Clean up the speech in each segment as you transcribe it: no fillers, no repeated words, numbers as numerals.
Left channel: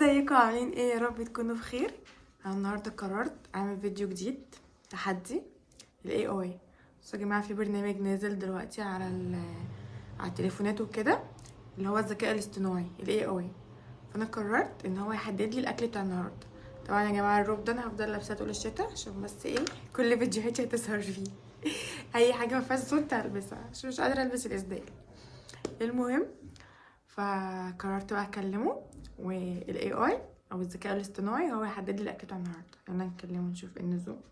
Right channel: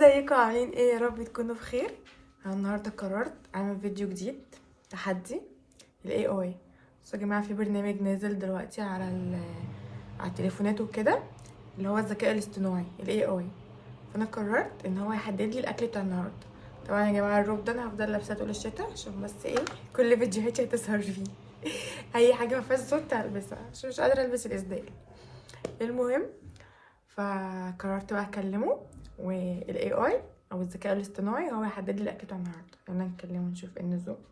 ازيكم عاملين ايه؟ يا رب تكونوا بخير. انا النهارده قررت اعمل فيديو جديد تحدي الاي اي. بصوا يا جماعه، في برنامج نازل دلوقتي على التليفونات وكده، اللي هو الذكاء الاصطناعي الاي اي. فانا قررت ان هو يحدد لي الاكل بتاع النهارده. طبعا يا جماعه الروب ده انا هفضل لابساه طول الشتاء، عشان بس ايه، كل فيديوهاتي هتظهر فيه. اي حاجه ما فيهاش صوت هلبسها عشان مش قادره البس الاسدال. المهم، فقررت بقى اكلمه، والاي اي او الذكاء الاصطناعي هو يحدد لي الاكل بتاع النهارده. يلا نكلمه نشوف ايه النظام.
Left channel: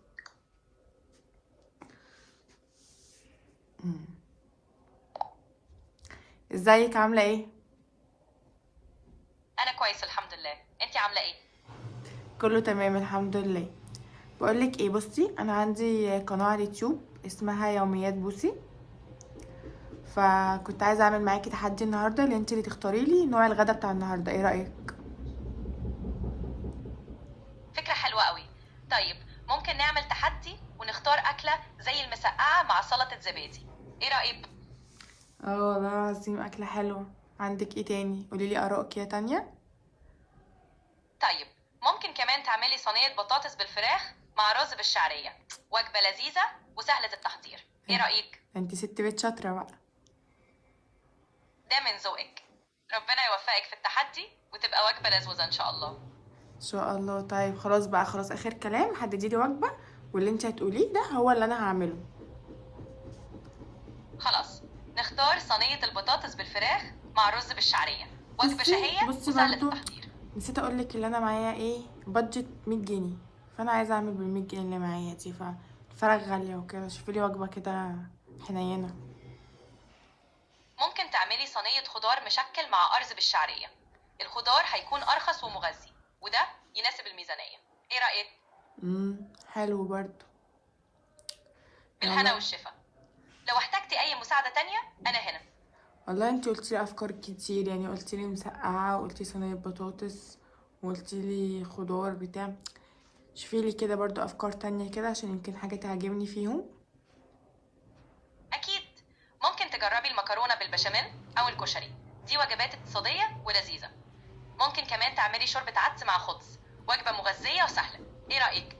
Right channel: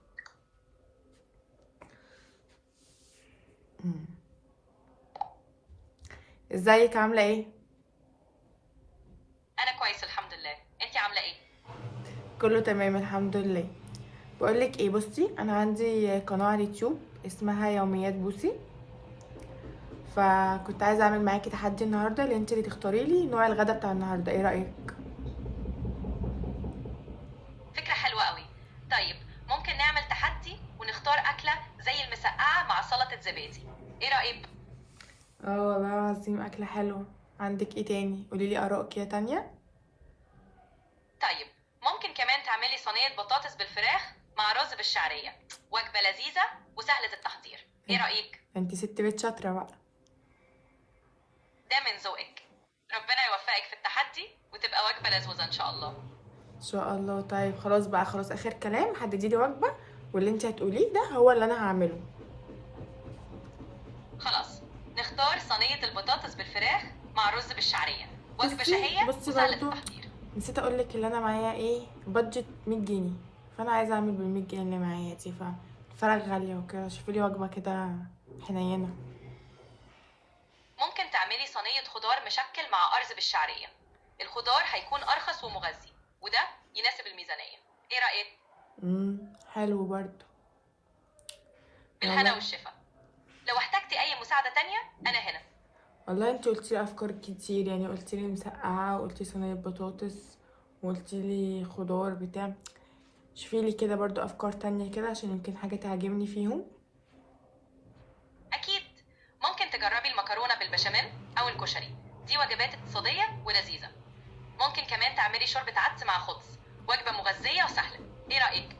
ازيك، عامله ايه؟ انا كويس الحمد لله. انتي عامله ايه؟ كله تمام الحمد لله. بقولك ايه، بصي انا عندي قناه على اليوتيوب اسمها يوميات بوسي، فكنت عايزه اعمل معاكي تحدي النهارده، اللي انت اللي تختاري لي نوع الغدا بتاع النهارده. ايه رايك؟ فكره حلوه قوي. طيب، ممكن نعمل تحدي ونختار اكله زي المسقعه مع سلطه زبادي. ايه رايك؟ اه والله العظيم اكله حلوه. عندك ايه تاني؟ قولي لي اراء كده تانية. طيب، ممكن كمان تعملي صينيه بطاطس بالفراخ مع رز بالشعريه. وجبه لذيذه وسهله التحضير. ايه رايك؟ انت ست بيت شاطره بقى. ده من ذوقك. ربنا يوفقك في التحدي وتبقى وجبه لذوذه ان شاء الله. ان شاء الله. طيب خلاص بقى، خلاص اخر كلام، حددي لي وجبه، واللي انت هتقوليه ده هو اللي انا هعمله. خلاص، نختار صينيه البطاطس بالفراخ مع رز بالشعريه. وجبه بصي شهيه بصي وسهله برضو، التحضير. نسيت اقولك اللي انا معايا ايه، بادجت 100 جنيه. فانا عايزه اعمل بال100 جنيه اللي معايا دي، فالفراخ غاليه وكده، شوفي لي وجبه كده حنينه. ممكن تعملي صينية خضار مشكل مع أرز بالشعرية. الخضار هيكون أرخص ومغذي، وده يناسب الميزانية. إيه رأيك؟ حلو برضو. بالهنا يلا. والشفا. لو احتجتي أي مساعدة تانية أنا هنا. والله انت قلتي لي افكار كتير، يعني قلتي لي مسقعه، وقلتي صينيه بطاطس، وقلتي لي خضار بتاع. شوفي لي كده برضو افكار تانية كده، عشان يمكن حاجه تعجبني فيهم. أكيد. ممكن تجربي المكرونة بالبشاميل أو الكشري. دي وجبات اقتصادية ولذيذة. ممكن كمان تعملي شوربة عدس مع خبز. وجبة مغذية وسهلة. إيه رأيك؟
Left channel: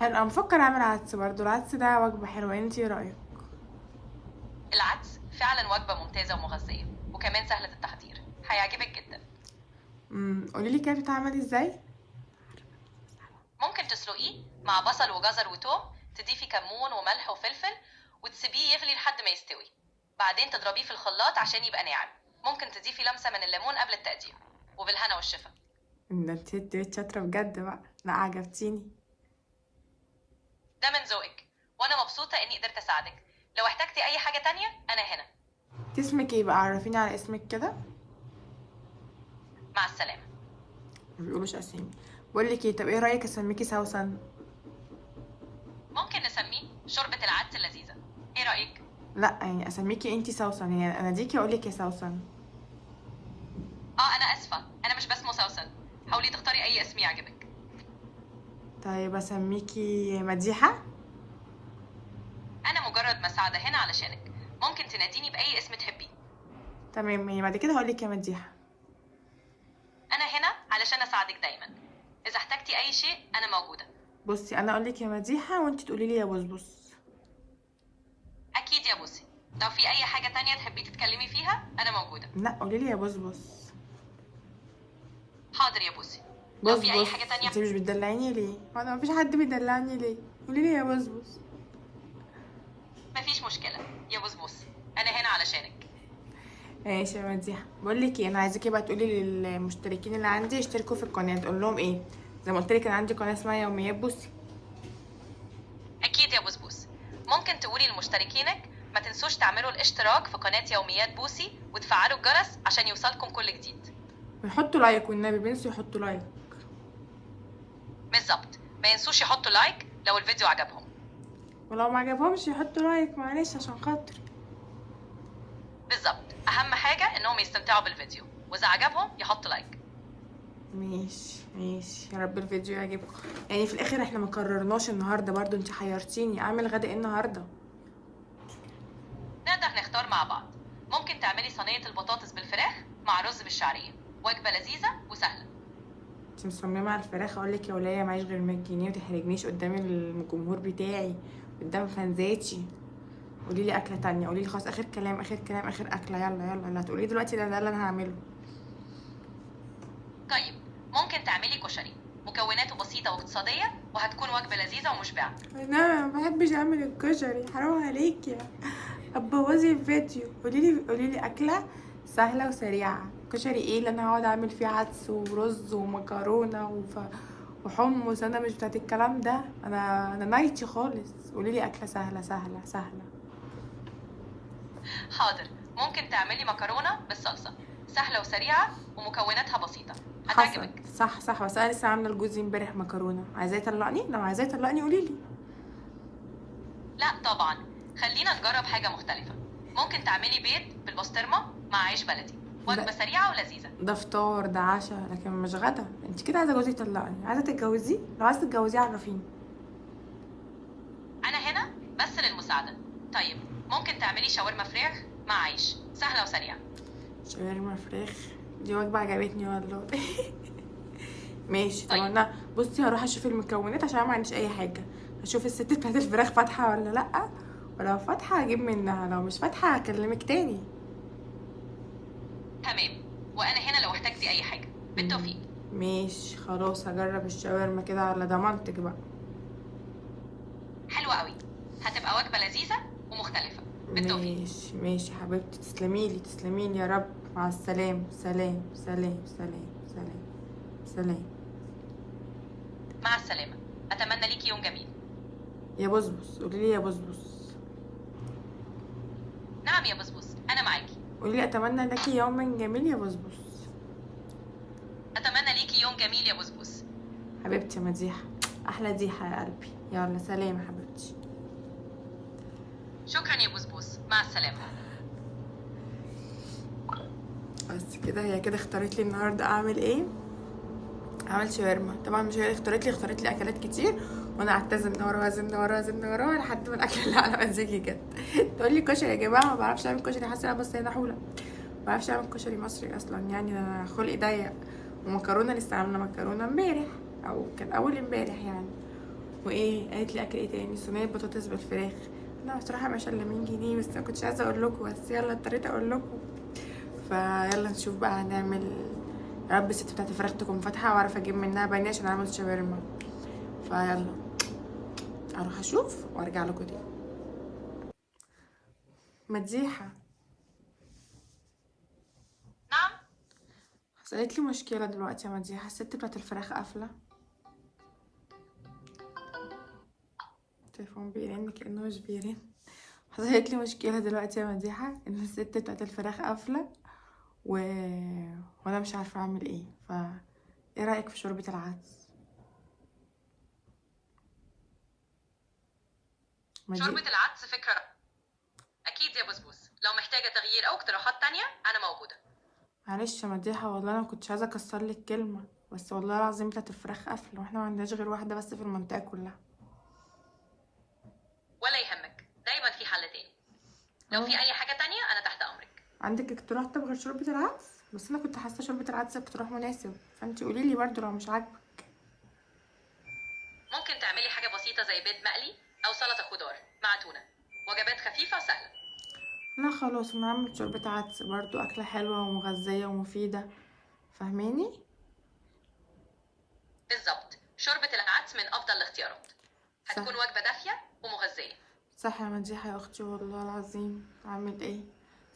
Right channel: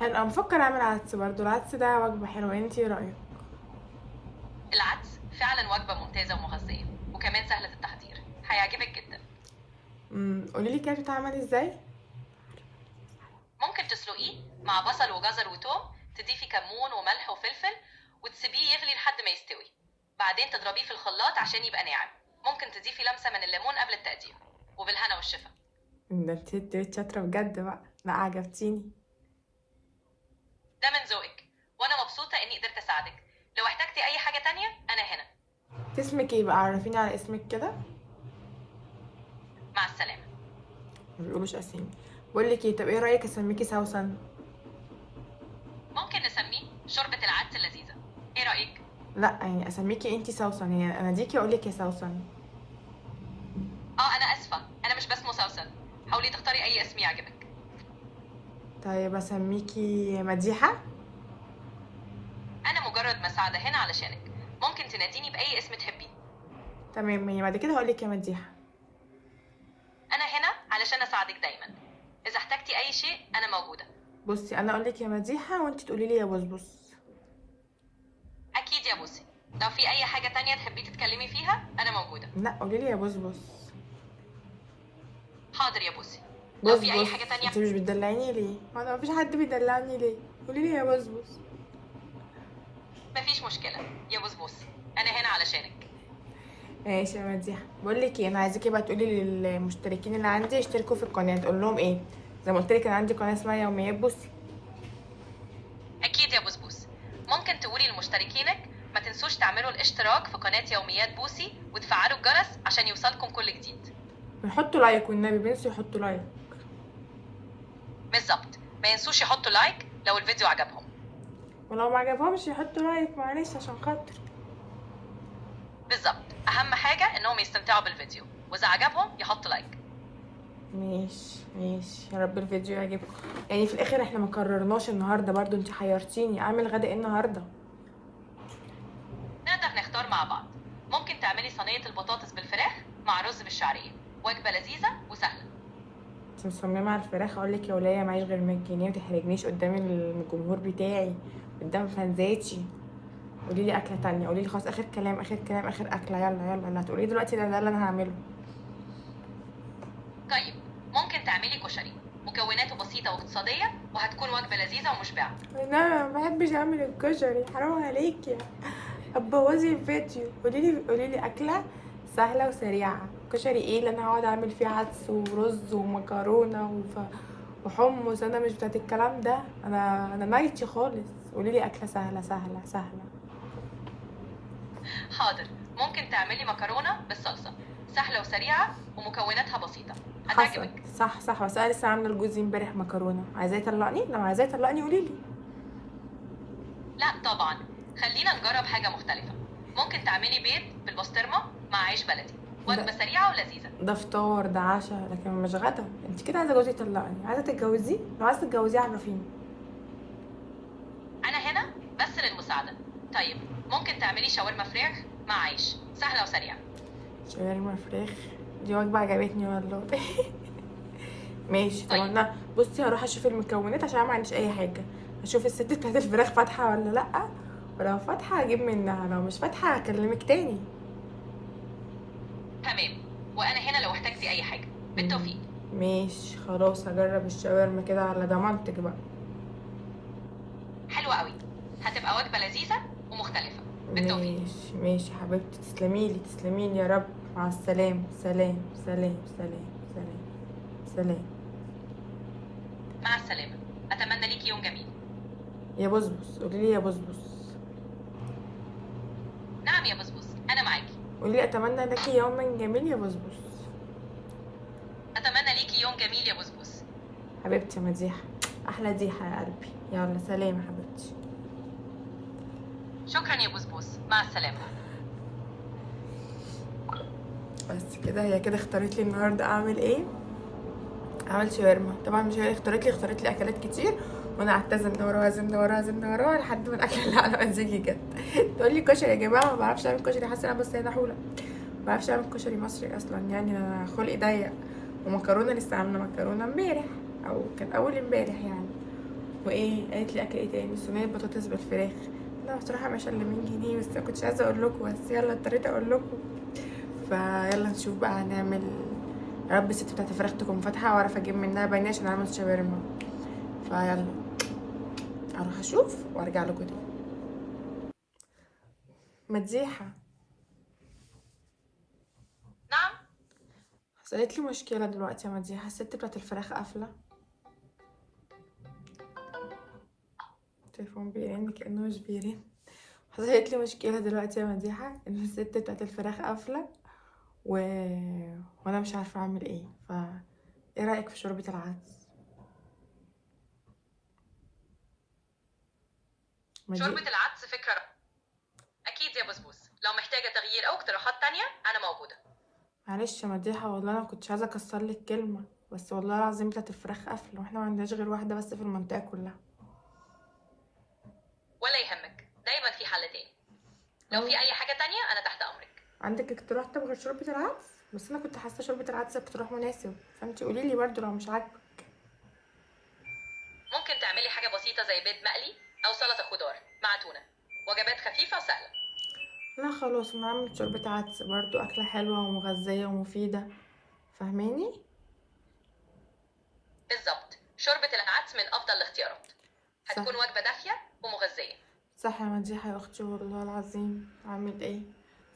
حلو، انا بفكر اعمل عدس برضو. العدس ده وجبه حلوه، انت ايه رايك؟ العدس فعلا وجبة ممتازة ومغذية، وكمان سهلة التحضير. هيعجبك جدا. قولي لي كده بتتعمل ازاي. ممكن تسلقيه مع بصل وجزر وتوم. تضيفي كمون وملح وفلفل وتسيبيه يغلي لحد ما يستوي. بعدين تضربيه في الخلاط عشان يبقى ناعم. ممكن تضيفي لمسة من الليمون قبل التقديم. وبالهنا والشفا. ده انت شاطره بجد بقى، لا عجبتيني. ده من ذوقك، وانا مبسوطة اني قدرت اساعدك. لو احتجتي اي حاجة تانية انا هنا. اسمك ايه بقى؟ عرفيني على اسمك كده. مع السلامة. ما بيقولوش اسامي. بقول لك ايه، طب ايه رايك اسميكي سوسن؟ ممكن نسميه شوربة العدس اللذيذة. ايه رأيك؟ لا يعني اسميكي انتي سوسن، يعني انا ديكي اقول لك يا سوسن. انا اسفة، انا مش باسمه سوسن. حاولي تختاري اي اسم يعجبك. طيب اسميكي مديحه. انا مجرد مساعدة هنا علشانك. ممكن تناديني باي اسم تحبيه. تمام، يعني بعد كده هقول لك يا مديحه. انا هنا علشان اساعدك دايما. اذا احتجتي اي شيء انا موجوده. بصي انا اقول لك يا مديحه وانتي تقولي لي يا بصبص. اكيد يا بوسي. لو في اي حاجه تانية تحبي تتكلمي فيها انا موجوده. لا قولي لي يا بصبص. حاضر يا بوسي. لو في اي بصبص. حاجه تانية. انت مش بتدلعيني ليه؟ انا مفيش حد بيدلعني ليه؟ قولي لي يا بصبص. مفيش مشكله يا بوس. انا هنا علشانك. ماشي يا مديحه. بقول لك ايه، انا عايزاكي بقى تقولي للمشتركين اللي عندي يشتركوا في القناه، تقول لهم ايه؟ زي ما قلت لك انا عندي قناه اسمها يوميات بوسي. اكيد يا بوس. ممكن تقولي لمشتركينك ما تنسوش تعملوا الاشتراك في قناه يوميات بوسي وتفعلوا الجرس عشان يوصلكم كل جديد. بيحطوا لايك، والنبي بينسوا يحطوا لايك. بالظبط، ما ينسوش يحطوا لايك لو الفيديو عجبهم. ولو ما عجبهمش يحطوا لايك، معلش عشان خاطر. بالظبط، اهم حاجه انهم يستمتعوا بالفيديو، واذا عجبهم يحطوا لايك. ماشي ماشي، يا رب الفيديو يعجبكم. يعني في الاخر احنا ما قررناش النهارده، برضو انت حيرتيني اعمل غدا ايه النهارده. نقدر نختار مع بعض. ممكن تعملي صينية البطاطس بالفراخ مع رز بالشعرية. وجبة لذيذة وسهلة. انت مصممه على الفراخ؟ اقول لك يا ولايه معيش غير 100 جنيه، وتحرجنيش قدام الجمهور بتاعي، قدام فانزاتي. قولي لي اكله تانية، قولي لي خلاص، اخر كلام اخر كلام اخر اكله، يلا يلا اللي هتقوليه دلوقتي ده اللي انا هعمله. طيب ممكن تعملي كشري، مكوناته بسيطة واقتصادية وهتكون وجبة لذيذة ومشبعة. انا ما بحبش اعمل الكشري، حرام عليكي هتبوظي الفيديو. قولي لي اكله سهله وسريعه. كشري ايه اللي انا هقعد اعمل فيه عدس ورز ومكرونه وحمص؟ انا مش بتاعت الكلام ده، انا نايتي خالص. قولي لي اكله سهله سهله سهله. حاضر، ممكن تعملي مكرونة بالصلصة، سهلة وسريعة ومكوناتها بسيطة، حصل، هتعجبك. صح صح، بس انا لسه عامله لجوزي امبارح مكرونه. عايزاه يطلقني؟ لو عايزاه يطلقني قولي لي. لا طبعا، خلينا نجرب حاجة مختلفة. ممكن تعملي بيض بالبسطرمة مع عيش بلدي، وجبة ده سريعة ولذيذة. ده فطار، ده عشاء، لكن مش غدا. انت كده عايزه جوزي يطلقني؟ عايزه تتجوزيه؟ لو عايزه تتجوزيه عرفيني. أنا هنا بس للمساعدة. طيب ممكن تعملي شاورما فراخ مع عيش، سهلة وسريعة. شاورما فراخ؟ دي وجبه عجبتني والله. ماشي. طب طيب انا بصي هروح اشوف المكونات عشان أنا ما عنديش اي حاجه. هشوف الست بتاعت الفراخ فاتحه ولا لا، ولو فاتحه هجيب منها، لو مش فاتحه هكلمك تاني. تمام، وأنا هنا لو احتجتي أي حاجة. بالتوفيق. ماشي خلاص، هجرب الشاورما كده على ضمانتك بقى. حلوة قوي، هتبقى وجبة لذيذة ومختلفة. بالتوفيق. ماشي ماشي حبيبتي، تسلميلي تسلميلي يا رب. مع السلامه، سلام سلام سلام سلام سلام. مع السلامة، أتمنى ليكي يوم جميل. يا بصبص، قوليلي يا بصبص. نعم يا بسبوس، أنا معاكي. قوليلي اتمنى لك يوما جميل يا بصبص. أتمنى ليكي يوم جميل يا بسبوس. حبيبتي يا مديحه، احلى ديحه يا قلبي. يلا سلام يا حبيبتي. شكرا يا بسبوس، مع السلامة. بس كده، هي كده اختارت لي النهارده اعمل ايه. عملت شاورما. طبعا مش هي اللي اختارت لي اكلات كتير، وانا قعدت ازن وراها ازن وراها ازن وراها لحد ما الاكل اللي على مزاجي جت. تقول لي كشري يا جماعه، ما بعرفش اعمل كشري. حاسه انا بس هنا حوله، ما بعرفش اعمل كشري مصري اصلا، يعني انا خلقي ضيق. ومكرونه لسه عامله مكرونه امبارح، او كان اول امبارح يعني. وايه قالت لي اكل ايه تاني؟ صينيه بطاطس بالفراخ. انا بصراحه مش الا 100 جنيه، بس ما كنتش عايزه اقول لكم، بس يلا اضطريت اقول لكم. فيلا نشوف بقى هنعمل. يا رب الست بتاعت الفراخ تكون فاتحه واعرف اجيب منها بانيه عشان اعمل شاورما. فيلا اروح اشوف وارجع لكم تاني. مديحه، نعم. حصلت لي مشكله دلوقتي يا مديحه. الست بتاعت الفراخ قافله. التليفون بيرن كانه مش بيرن. حصلت لي مشكله دلوقتي يا مديحه، ان الست بتاعت الفراخ قافله و... وانا مش عارفه اعمل ايه. ايه رايك في شوربه العدس؟ شوربة العدس فكرة أكيد يا بسبوس، لو محتاجة تغيير أو اقتراحات تانية أنا موجودة. معلش يا مديحه، والله انا كنتش عايزه اكسر لك كلمه، بس والله العظيم بتاعت الفراخ قافله، واحنا ما عندناش غير واحده بس في المنطقه كلها. ولا يهمك، دايما في حل تاني. لو في أي حاجة تانية أنا تحت أمرك. عندك اقتراح طب غير شوربه العدس؟ بس انا كنت حاسه شوربه العدس اقتراح مناسب، فانتي قولي لي برده لو مش عاجبك. ممكن تعملي حاجة بسيطة زي بيض مقلي أو سلطة خضار مع تونة، وجبات خفيفة وسهلة. لا خلاص، انا هعمل شوربه عدس برضو، اكله حلوه ومغذيه ومفيده، فاهماني؟ بالظبط، شوربة العدس من أفضل الاختيارات، صح هتكون وجبة دافية ومغذية. صح يا مديحه يا اختي، والله العظيم اعمل ايه؟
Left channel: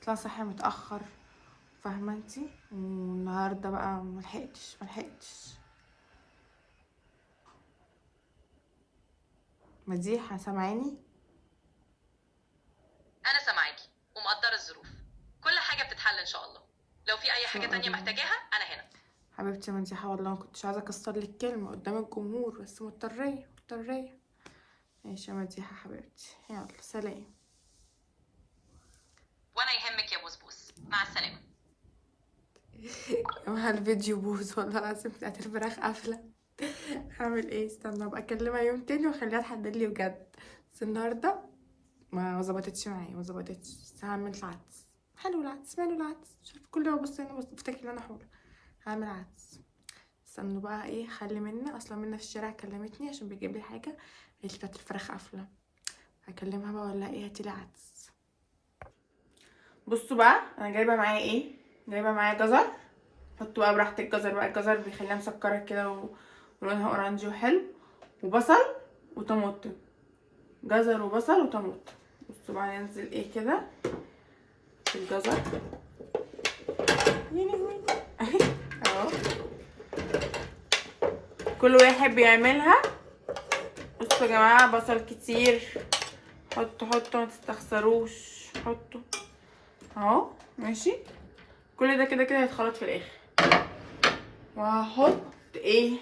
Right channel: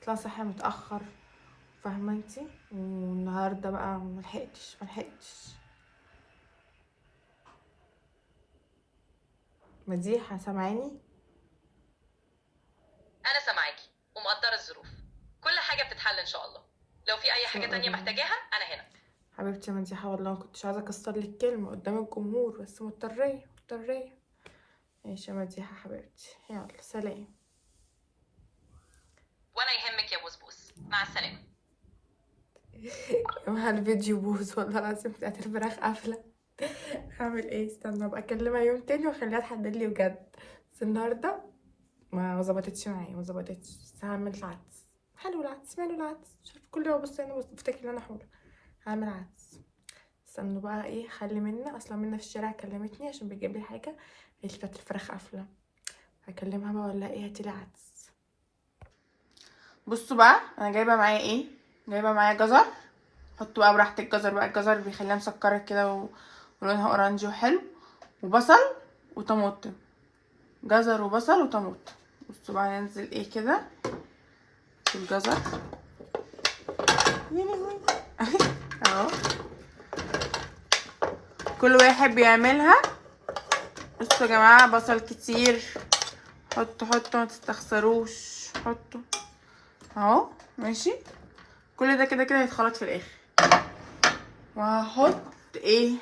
طلع صحي متاخر، فاهمه انتي؟ والنهارده بقى ملحقتش. مديحه سامعاني؟ أنا سامعاكي ومقدرة الظروف، كل حاجة بتتحل إن شاء الله. لو في أي ان حاجة شاء تانية الله. محتاجاها أنا هنا. حبيبتي يا مديحه، والله ما كنتش عايزه اكسر لك كلمه قدام الجمهور، بس مضطريه. ماشي يا مديحه حبيبتي، يلا سلام. ولا يهمك يا بسبوس، مع السلامة. يا الفيديو بوظ والله العظيم، بتاعت الفراخ قافله. هعمل ايه؟ استنى ابقى اكلمها يوم تاني واخليها تحدد لي بجد. بس النهارده ما ظبطتش معايا، بس هعمل العدس. حلو العدس، ماله العدس؟ مش عارفه، كل يوم بص انا بفتكر ان انا حوله. هعمل عدس. استنوا بقى ايه، خلي منا اصلا منا في الشارع كلمتني عشان بيجيب لي حاجه، قالت لي بتاعت الفراخ قافله، هكلمها بقى ولا ايه، هاتيلي عدس. بصوا بقى انا جايبه معايا ايه، جايبه معايا جزر، حطوا بقى براحتك الجزر بقى، الجزر بيخليها مسكره كده ولونها اورنجي وحلو، وبصل وطماطم، جزر وبصل وطماطم. بصوا بقى ننزل ايه كده في الجزر اهو، كل واحد بيعملها. بصوا يا جماعه، بصل كتير، حطوا ما تستخسروش، حطوا اهو ماشي. كل ده كده هيتخلط في الاخر، وهحط ايه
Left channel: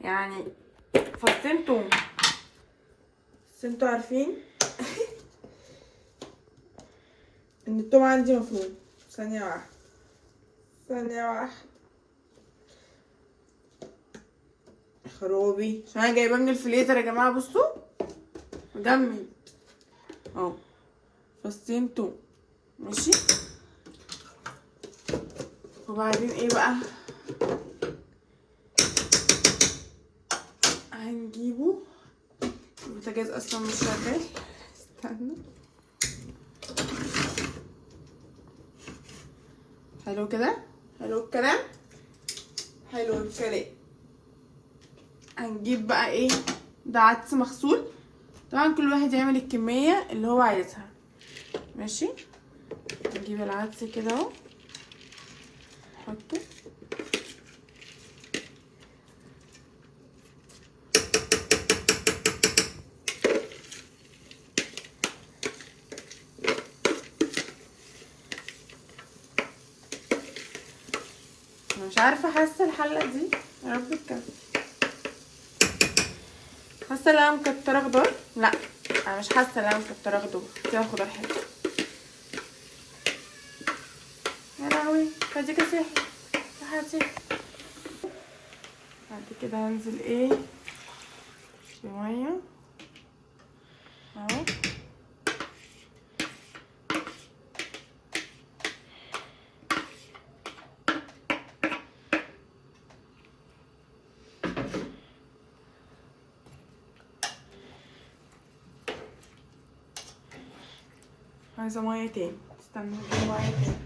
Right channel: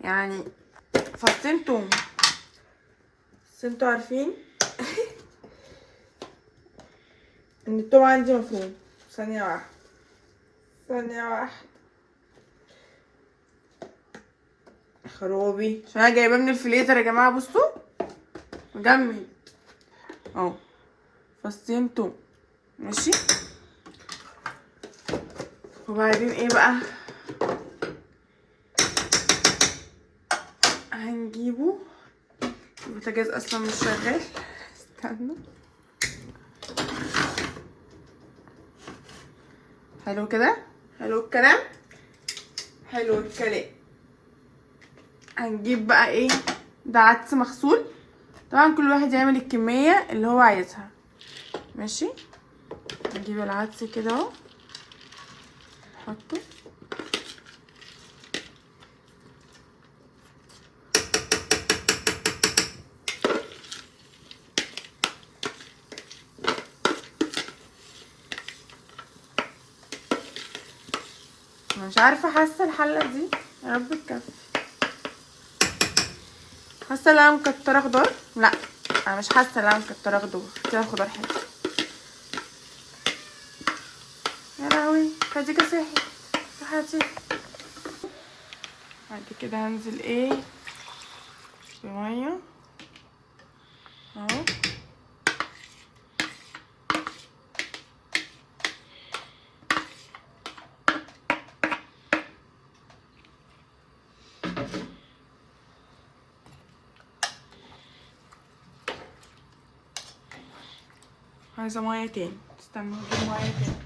يعني فصين توم، بس انتوا عارفين ان التوم عندي مفروم. ثانيه واحده خروبي، عشان انا جايباه من الفريزر يا جماعه. بصوا مجمد اهو، فصين توم ماشي. وبعدين ايه بقى، هنجيبه، البوتاجاز اصلا مش شغال، استنوا. حلو كده، حلو الكلام، حلو الكلام. هنجيب بقى ايه، ده عدس مغسول، طبعا كل واحد يعمل الكميه اللي هو عايزها ماشي. نجيب العدس كده اهو، نحطه، مش عارفه، حاسه الحله دي يا رب تكفي، حاسه ان انا مكتره خضار، لا انا مش حاسه ان انا مكتره خضار كده، خضار حلو. يا لهوي خديكي سحر راحتي. بعد كده هنزل ايه بميه اهو، عايزه ميه تاني، استنى نجيب ميه تاني،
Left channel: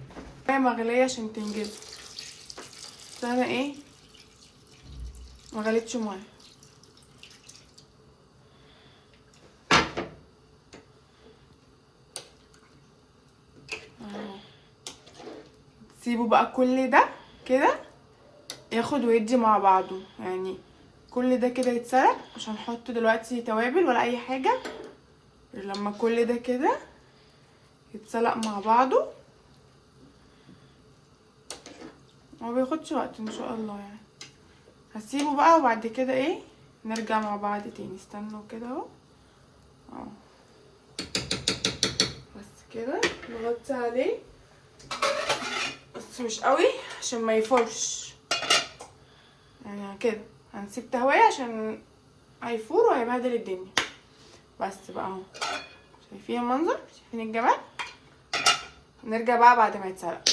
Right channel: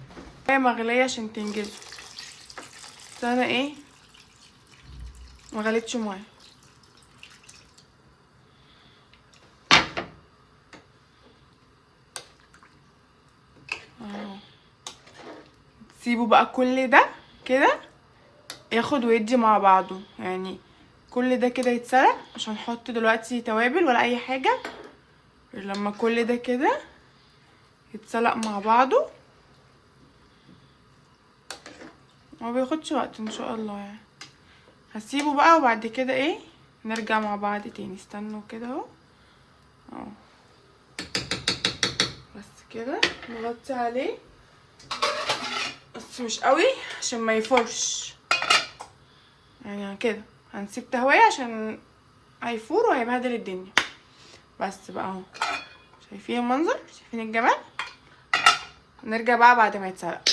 ميه مغليه عشان تنجزوا. بس انا ايه مغليتش ميه، سيبوا بقى كل ده كده ياخد ويدي مع بعضه، يعني كل ده كده يتسلق، مش هنحط دلوقتي توابل ولا اي حاجه غير لما كل ده كده يتسلق مع بعضه. ما بياخدش وقت ان شاء الله يعني. هسيبه بقى وبعد كده ايه نرجع مع بعض تاني. استنوا كده اهو بس كده نغطي عليه، بس مش قوي عشان ما يفورش يعني، كده هنسيب تهوية عشان هيفور وهيبهدل الدنيا. بس بقى اهو، شايفين المنظر، شايفين الجمال. نرجع بقى بعد ما يتسلق.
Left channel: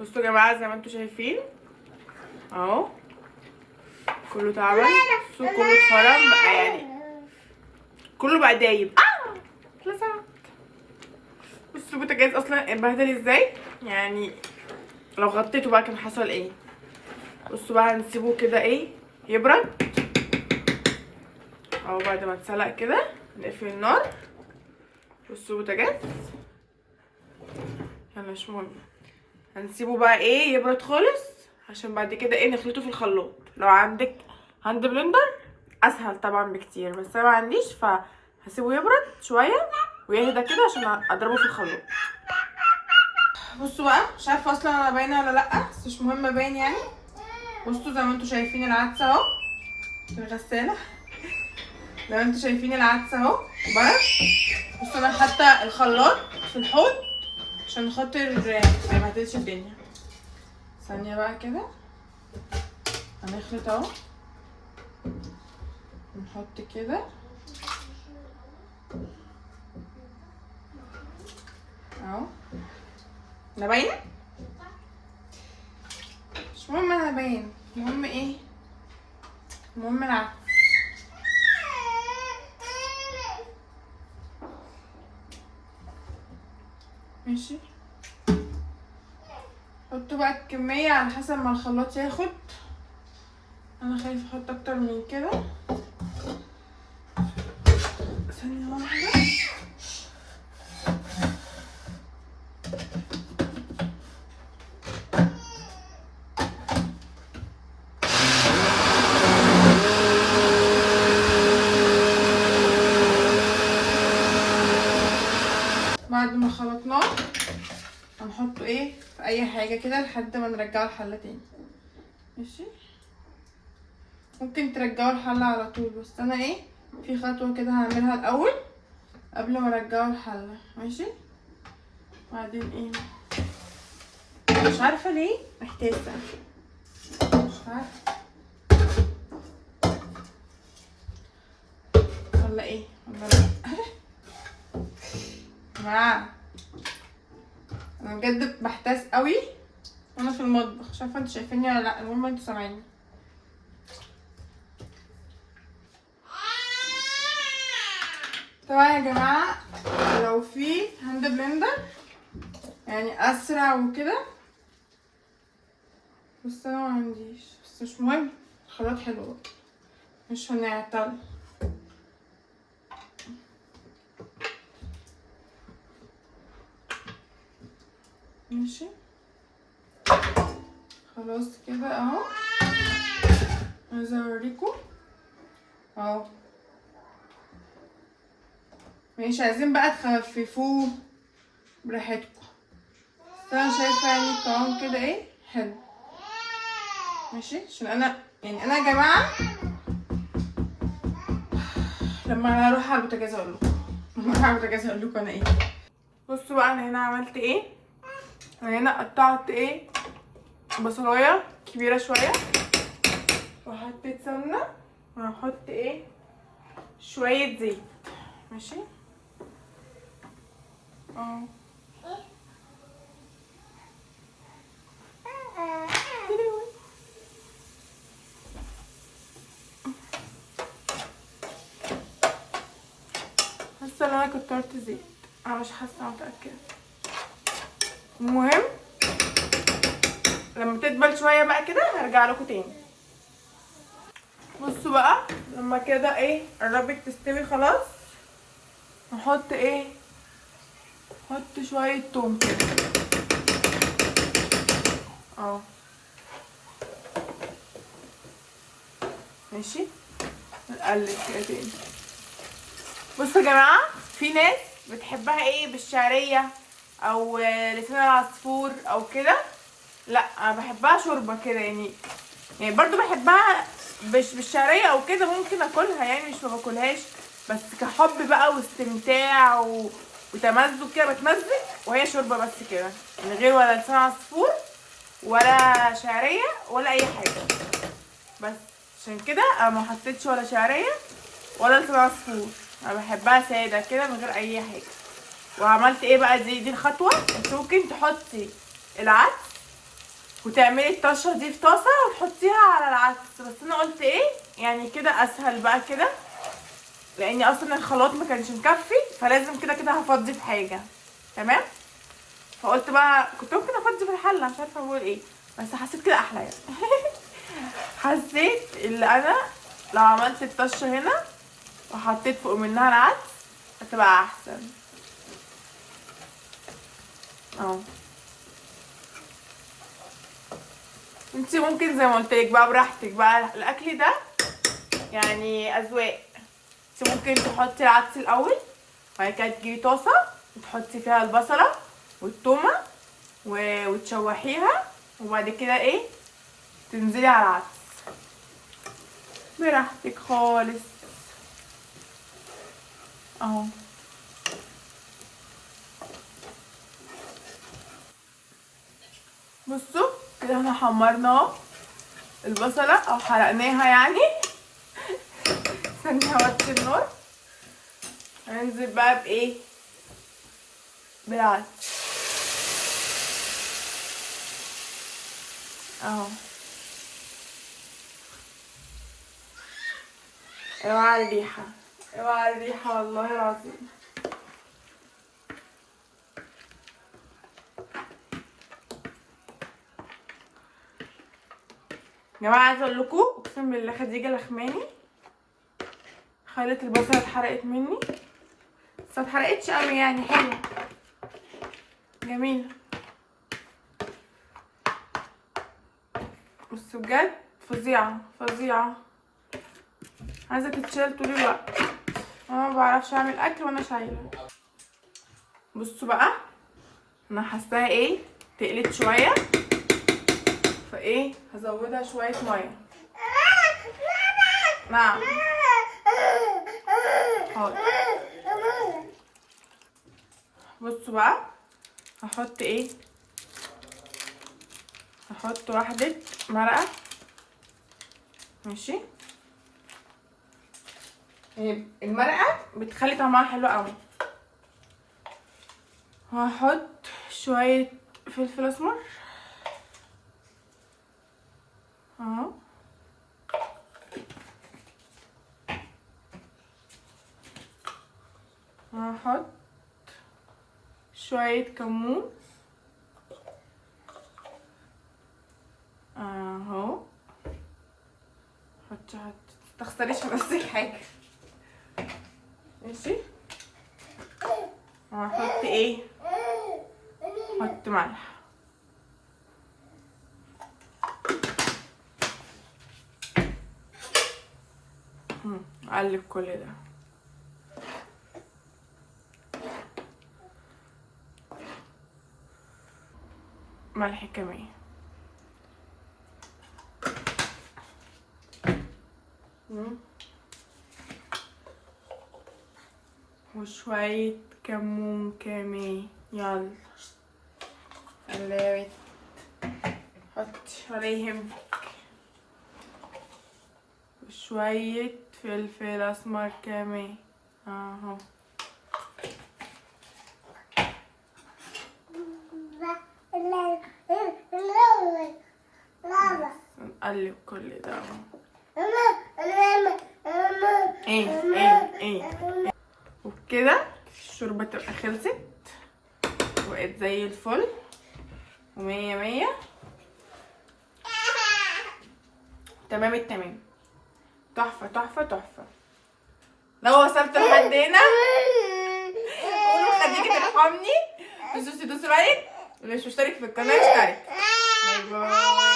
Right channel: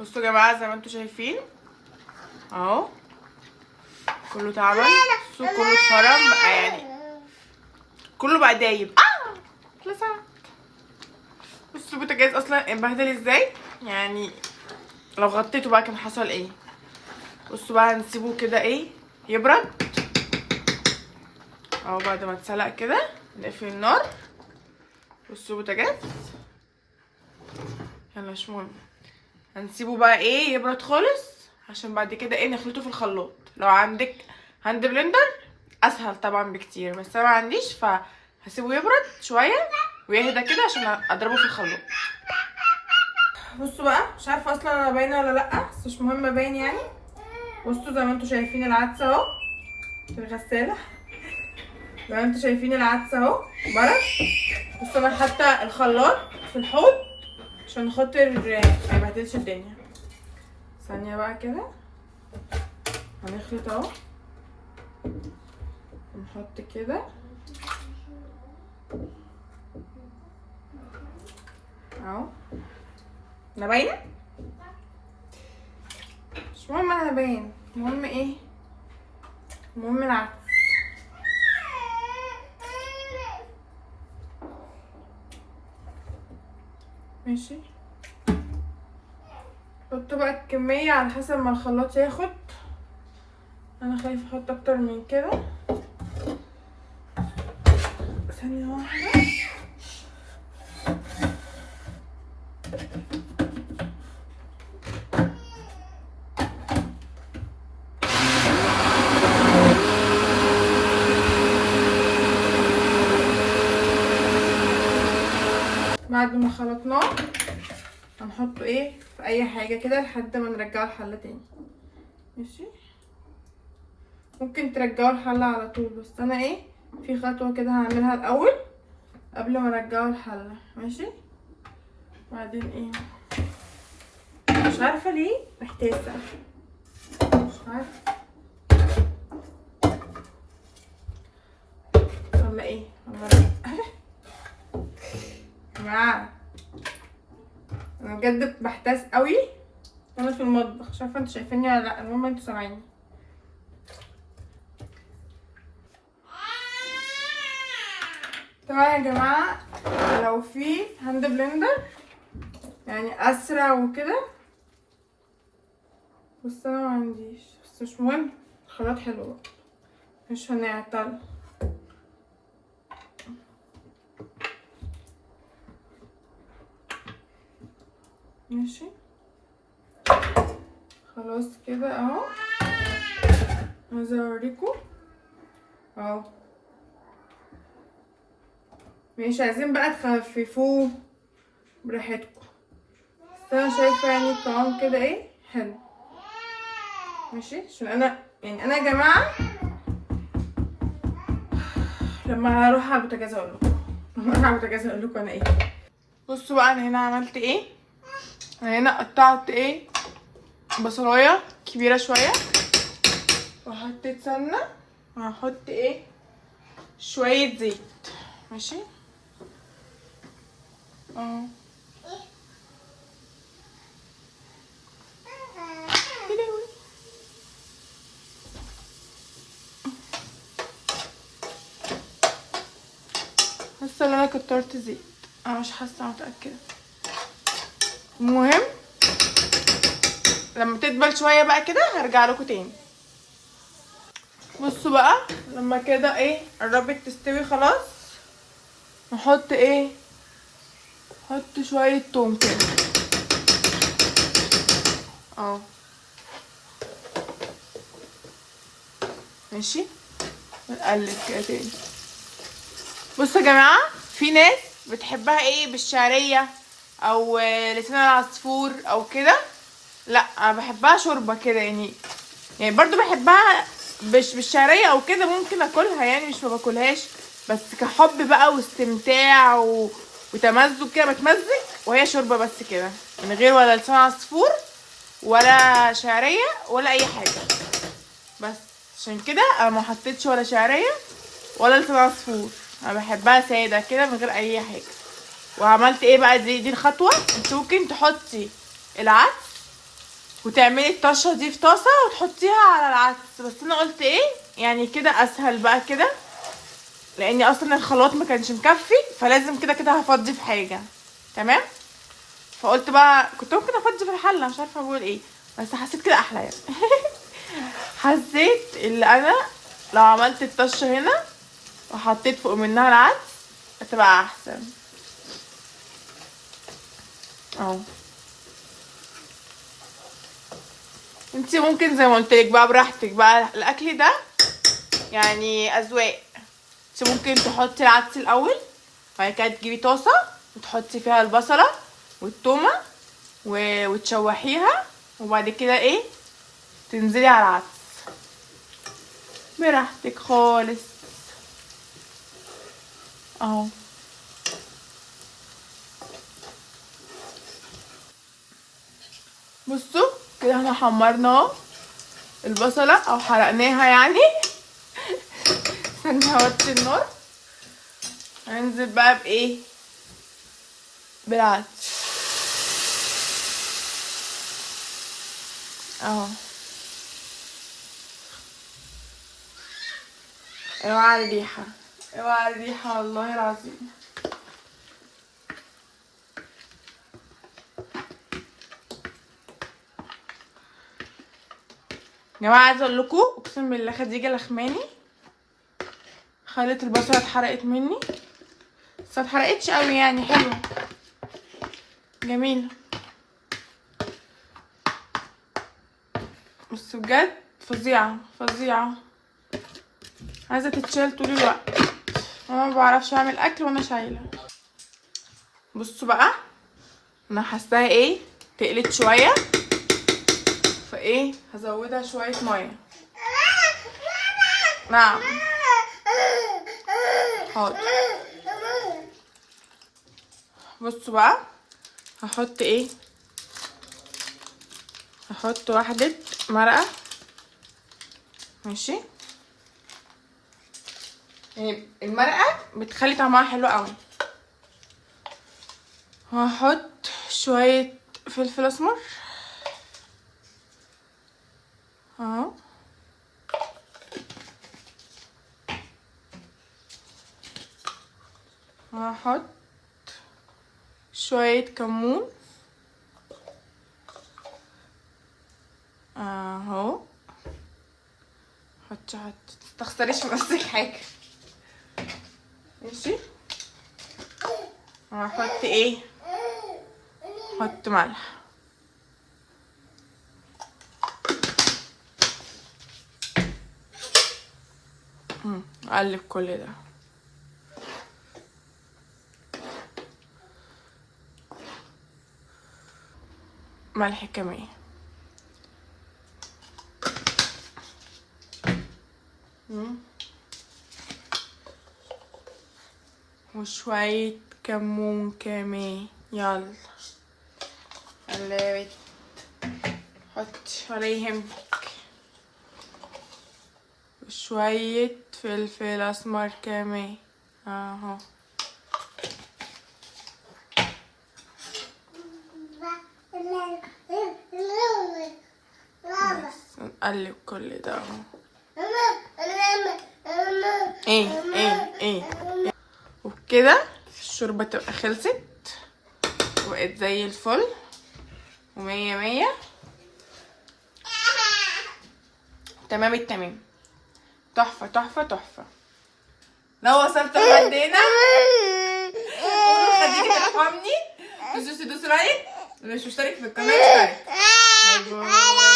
بصوا يا جماعه زي ما انتوا شايفين اهو، كله اتعمل، كله اتفرم بقى يعني، كله بقى دايب. بصوا البوتاجاز اصلا اتبهدل ازاي يعني، لو غطيته بقى كان حصل ايه. بصوا بقى هنسيبه كده ايه يبرد اهو، بعد ما اتسلق كده نقفل النار. بصوا البوتاجاز، يلا مش مهم، هنسيبه بقى ايه يبرد خالص عشان بعد كده ايه نخلطه في الخلاط. لو عندك هاند بلندر اسهل طبعا بكتير، بس انا ما عنديش، فهسيبه يبرد شويه ويهدى كده عشان اضربه في الخلاط. بصوا بقى، مش عارفه اصلا انا باينه ولا لا، بس مش مهم باين يعني. بصوا زي ما انتوا شايفين العدس اهو في الغساله، لو انتوا شايفين العدس اهو برد. بصوا انا حاطه الخلاط في الحوض عشان خاطر ما يبهدلش الدنيا. ثانيه بقى كده هنخلط اهو، نحط كده اهو، انا باينه باين. المهم ايه، المهم العدس. ماشي، حطوا بقى الكمية على حسب ما الخلاط ياخد. انا خايفة احط اكتر من كده. ثانية واحدة. بعد ما خلطناه هنحطه ايه في اي حاجة كده لحد ما نرجعه الحلة تاني. ماشي، ممكن ترجعوا الحلة على طول، بس انا ايه في خطوة كده هعملها الاول قبل ما ارجعه الحلة. ماشي، بعدين ايه مش عارفة ليه محتاسة، مش عارفة ولا ايه ولا جماعة. انا بجد بحتاس قوي وانا في المطبخ، مش عارفة انتوا شايفيني ولا لا، المهم انتوا سامعيني. طبعا يا جماعة لو في هاند بلندر يعني اسرع وكده، بس انا ما عنديش، بس مش مهم، الخلاط حلو مش هنعطل. ماشي خلاص كده اهو. عايزه اوريكم اهو. ماشي، عايزين بقى تخففوه براحتكم، بس انا شايفه يعني القوام كده ايه حلو. ماشي، عشان انا يعني انا يا جماعه لما اروح على البوتاجاز اقول لكم، لما اروح على البوتاجاز اقول لكم انا ايه. بصوا بقى انا هنا عملت ايه. انا هنا قطعت ايه بصلايه كبيره شويه، وحطيت سمنه، وهحط ايه شويه زيت. ماشي اهو. حاسه ان انا كترت زيت، انا مش حاسه متاكده. المهم لما تدبل شويه بقى كده هرجع لكم تاني. بصوا بقى لما كده ايه قربت تستوي خلاص، نحط ايه، نحط شويه توم كده اه. ماشي، نقلب كده تاني. بصوا يا جماعه في ناس بتحبها ايه بالشعريه او لسان العصفور او كده، لا انا بحبها شوربه كده يعني برضو بحبها بالشعريه او كده، ممكن اكلها يعني مش ما باكلهاش، بس كحب بقى واستمتاع وتمزج كده بتمزج، وهي شوربه بس كده من غير ولا لسان عصفور ولا شعريه ولا اي حاجه. بس عشان كده انا ما حطيتش ولا شعريه ولا لسان عصفور، انا بحبها ساده كده من غير اي حاجه. وعملت ايه بقى، دي الخطوه. انت ممكن تحطي العدس وتعملي الطشه دي في طاسه وتحطيها على العدس، بس انا قلت ايه يعني كده اسهل بقى كده، لاني اصلا الخلاط ما كانش مكفي، فلازم كده كده هفضي في حاجه. تمام، فقلت بقى كنت ممكن افضي في الحله، مش عارفه اقول ايه، بس حسيت كده احلى يعني. حسيت اللي انا لو عملت الطشه هنا وحطيت فوق منها العدس هتبقى احسن اهو. انتي ممكن زي ما قلت لك بقى براحتك بقى، الاكل ده يعني اذواق. انتي ممكن تحطي العدس الاول، بعد كده تجيبي طاسه وتحطي فيها البصله والثومه وتشوحيها، وبعد كده ايه تنزلي على العدس براحتك خالص اهو. بصوا كده احنا حمرنا البصله او حرقناها يعني. هنوطي النار، هننزل بقى بايه بالعدس اهو. اوعى الريحة، اوعى الريحة والله العظيم. يا جماعة عايزة اقول لكم اقسم بالله خديجة لخماني خلت البصلة اتحرقت مني، بس متحرقتش قوي يعني، حلوة جميلة، بس بجد فظيعة فظيعة، عايزة تتشال طول الوقت. انا ما بعرفش اعمل اكل وانا شايلة. بصوا بقى انا حاساها ايه تقلت شوية، فايه هزودها شوية مية. نعم حاضر. بصوا بقى هحط ايه، هحط واحدة مرقة ماشي، يعني المرقة بتخلي طعمها حلو قوي. وهحط شوية فلفل اسمر اهو، وهحط شوية كمون اهو، حط متستخسريش في نفسك حاجة ماشي. وهحط ايه، هحط ملح اقلب كل ده. ملح كمان وشوية كمون كمان. يلا قلبت، حط عليهم وشوية فلفل اسمر كمان اهو. نقلب كل ده اهو. ايه وبكده الشوربة تبقى خلصت وبقت زي الفل ومية مية تمام التمام، تحفة تحفة تحفة. لو وصلت لحد هنا قولوا خديجة ترحمني، دوسوا لايك، واللي مش مشترك في القناة اشترك. باي باي.